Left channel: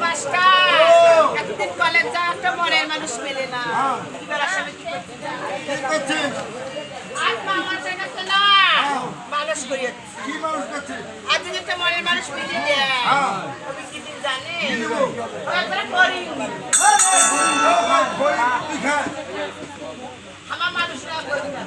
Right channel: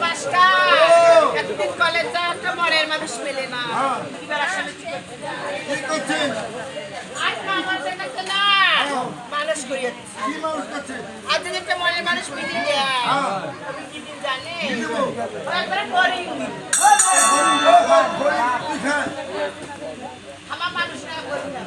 Master ও। একদিন college যাওয়ার তো মনের মানুষ মেলে না হ্যাঁ। এবার আসলে কি করতে যায়? কি করছিস আজ মামা জানা না মানুষ করিয়ে কি মানুষ করছে আজ যদি একটা মনের মানুষ মিলি দেয় হ্যাঁ। তবে কি দিন জানে কি দেবো? একবারে করি ও ভাই, খড়ি তুই খায় আমার মানুষ না করি না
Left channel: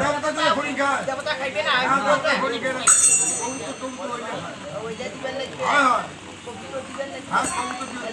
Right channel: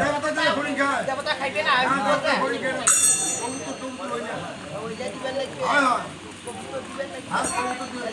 দেবতা দিয়ে খড়ি খায়। দেবতা খাইবে না আর দেবতা খড়ি খায়। না কবুতর টবুতর ওই না খায় ওইটা দিবেন নাকি? হ্যাঁ হ্যাঁ। কবুতর দিবেন নাকি? হ্যাঁ কবুতর দিবেন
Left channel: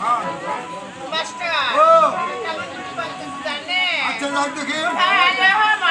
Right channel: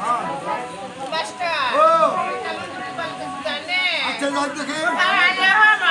হ্যাঁ। মাস্টার ও। কেমন করে বলতে জানে আচ্ছা যাক দেখি। হ্যাঁ মাডা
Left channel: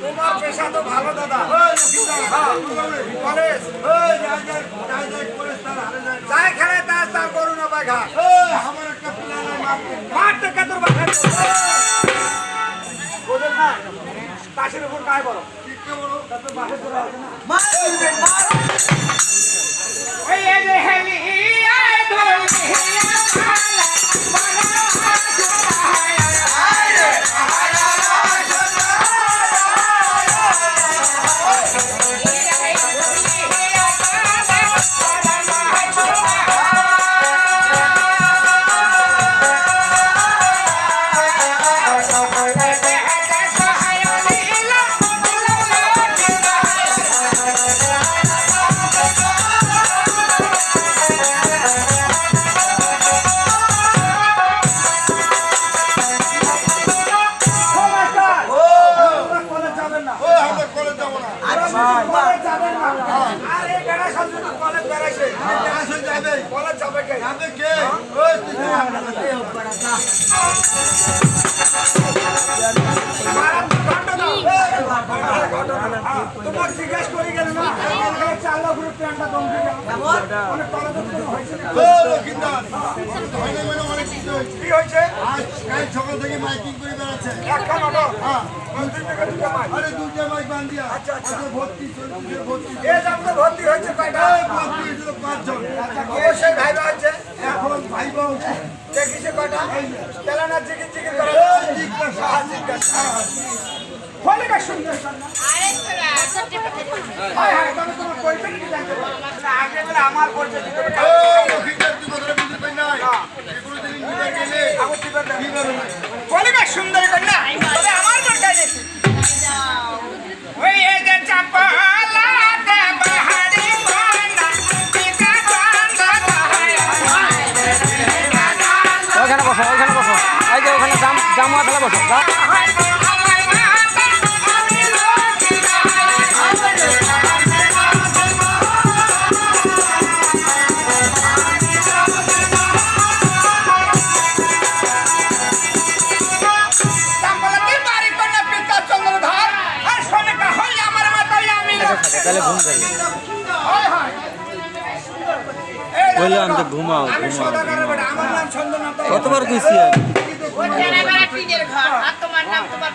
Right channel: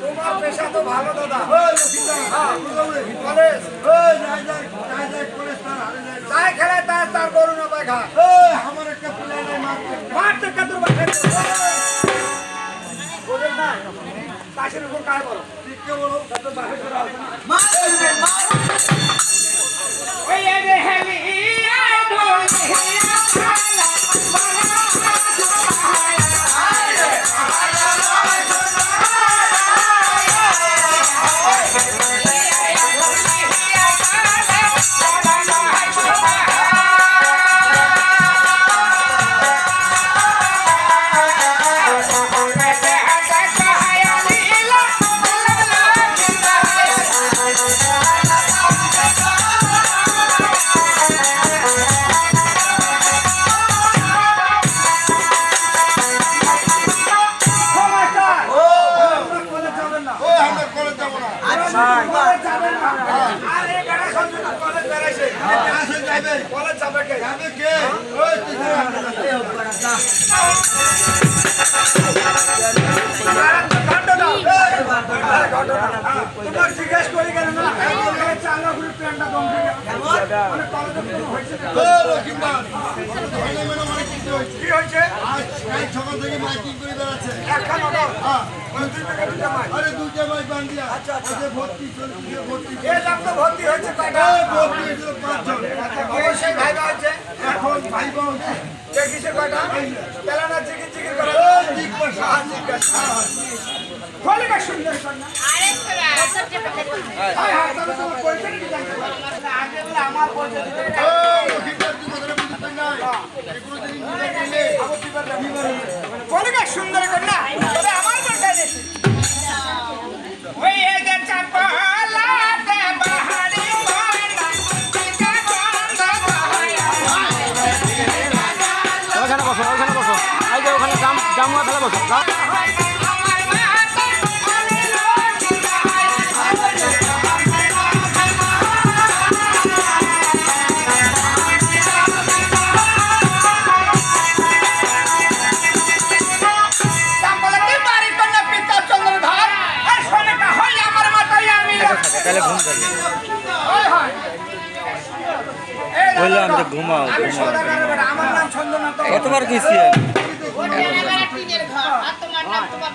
তোমার পেশা তো ভালো দাদা। ওই লক্ষ্মীদা। কলেজ। ওই যাই যাই যাই যাই করে তার হারে যায় খেলে তার তার করুন বাঘা। আমার একটা প্লেয়ার মারতে কাতুর বাঘা। বোঝেন না তাসের উপর গায়ে বলো? ওই হেলি ধরি তোমার জিজ্ঞেস করে গেল না? চার লাখ রুপি দম দিয়ে মানে কলেজের কোনো হয়েছে না হয় না মানে অনেক কিছু হয়েছে? কি হয়েছে? আজ কাল সকাল থেকে মাইকিং করে বেড়াচ্ছে। একখান হ্যাঁ। আরে দুইটা মাইক বান্ধিয়া আচ্ছা, আচ্ছা। ভর্তি চলছে ভর্তি। এ দাম তো ভর্তি হয়েছে কয়টা? ভর্তি হয়েছিল পাঁচজন। অবশ্যই ভাইবা হচ্ছে এখন ভাইবা হচ্ছে। দেখিছে কয়টা? তেলানা জিকির জিকির করে এই জিজ্ঞাসা। সুন্দর কন্যা হাই হাই তবে তোমার পরিচয় বলে আমার পরিচয় দিতে হবে। এই লক্ষ্মীদার বললাম যে ঘুমাও, কতবার দিছি ওটা এবার টিনের ঘর আর তোমার নাম তোমার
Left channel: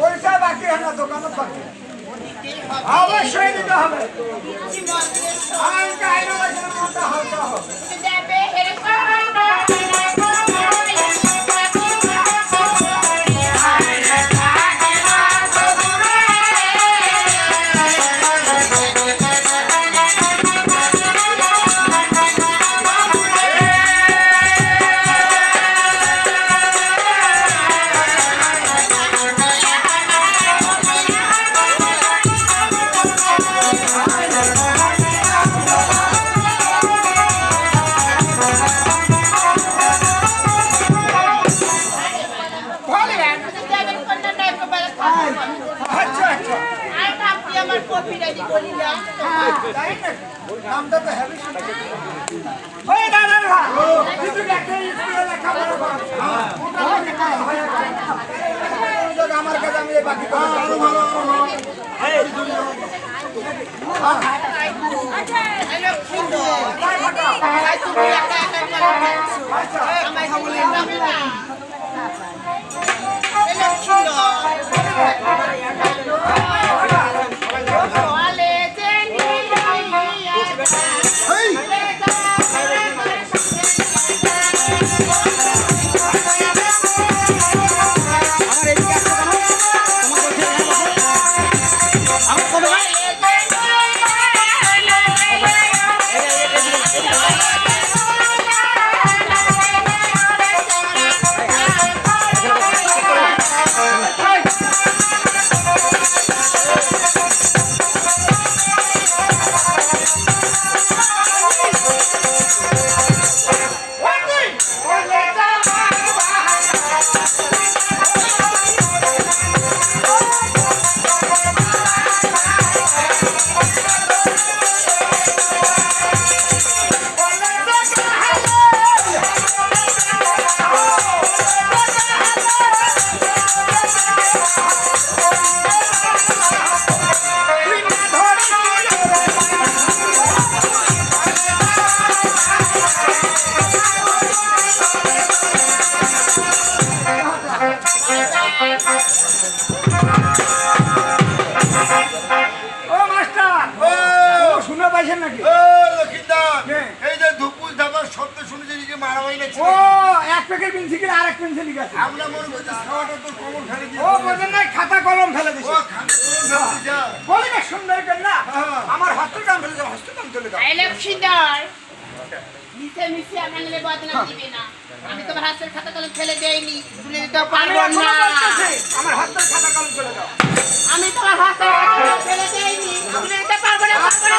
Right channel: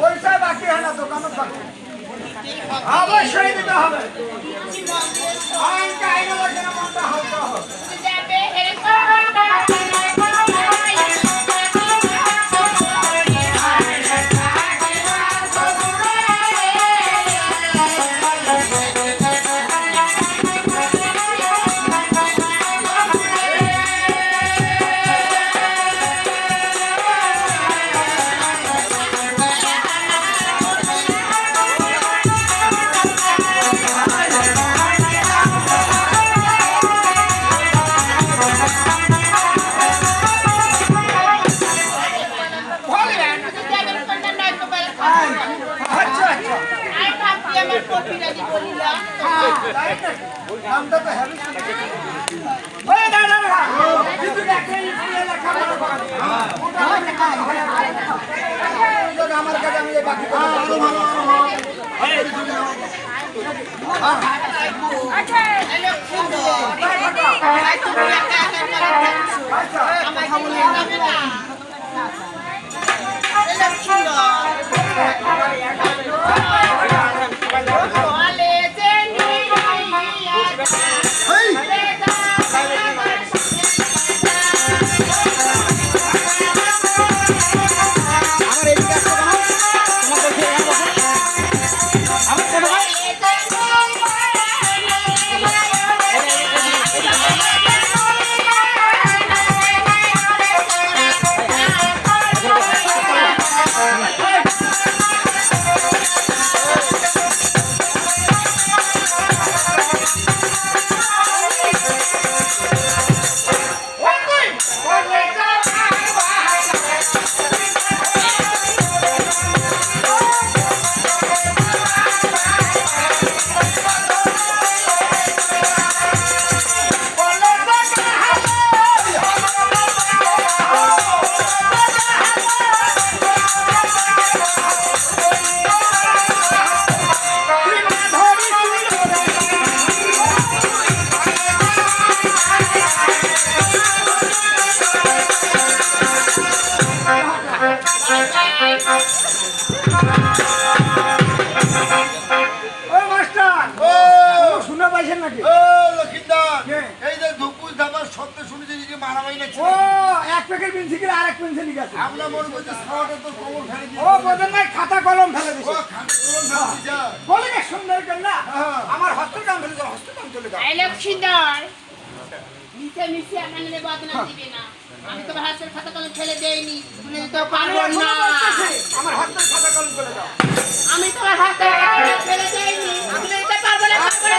পরিচয় বাকি হয় না দোকানত বাকি। অবশ্যই দিতে হবে। আমার কপিরাজি তাই না? নামটা তো হেভি ওই দাদা কিন্তু একটা স্কুলে করে যায়। ওই জন্য আমার কাছে আমি বাকি আরও ভালো আরও ভালো আমায় প্যাকেট পেন্সিল কিনে আরেক পেন্সিল গেছে। আমরা মনে করছি খাওয়াটা তো কমন ফেলে দিয়ে ও বোঝেন নাই খাতা কলম ফেলে ও দিছে ফেলে বলি না সুন্দর করে না। হ্যাঁ। আমার হস্তের কাম ফেলে দাও হস্তের কাম চলে দাও। হ্যালো সুন্দর। মিশে মিশে আমার নামে বদনাম দিবে না। আমি তোমার হাতের খাতা কলম ফেলে দেইনি তুলে দিতেও আমি পারব না। আমার হস্তের খাতা কলম চলে দাও। আমি তোমার হাতের খাতা কলম ফেলে দেইনি তুলে দিতে পারব না পারব না,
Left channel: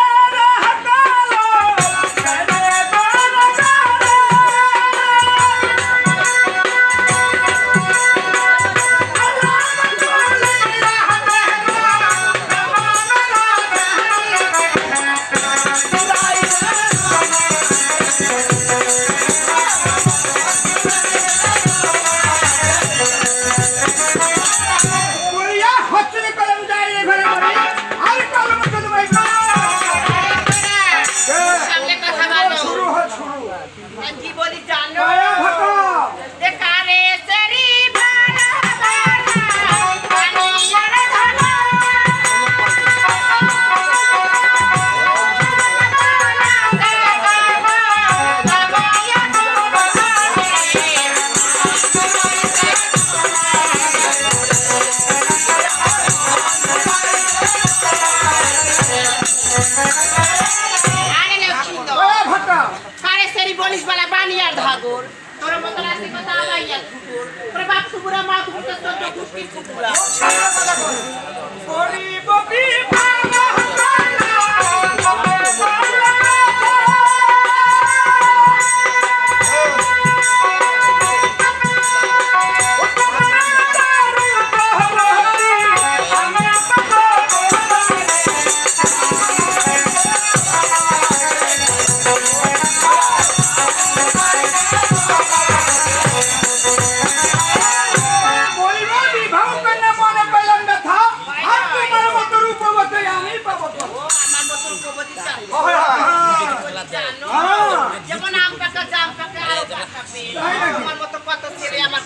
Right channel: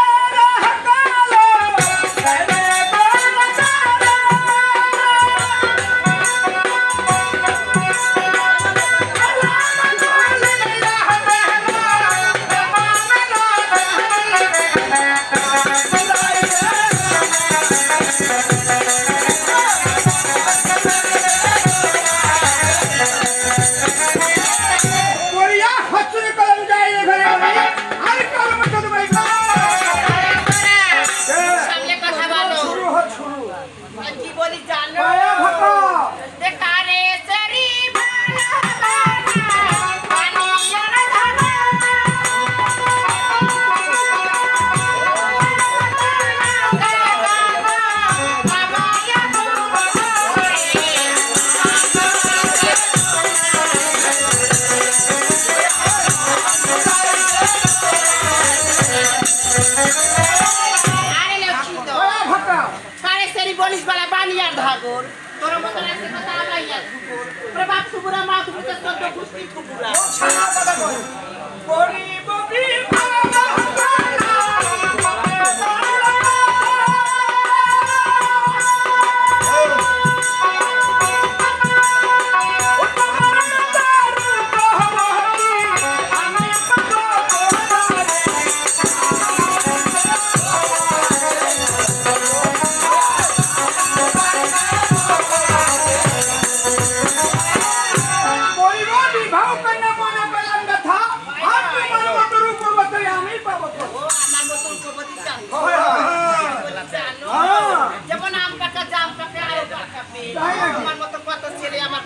কুকুরা মা কুকুরটা চোদ্দ কুষ্টির কুকুরা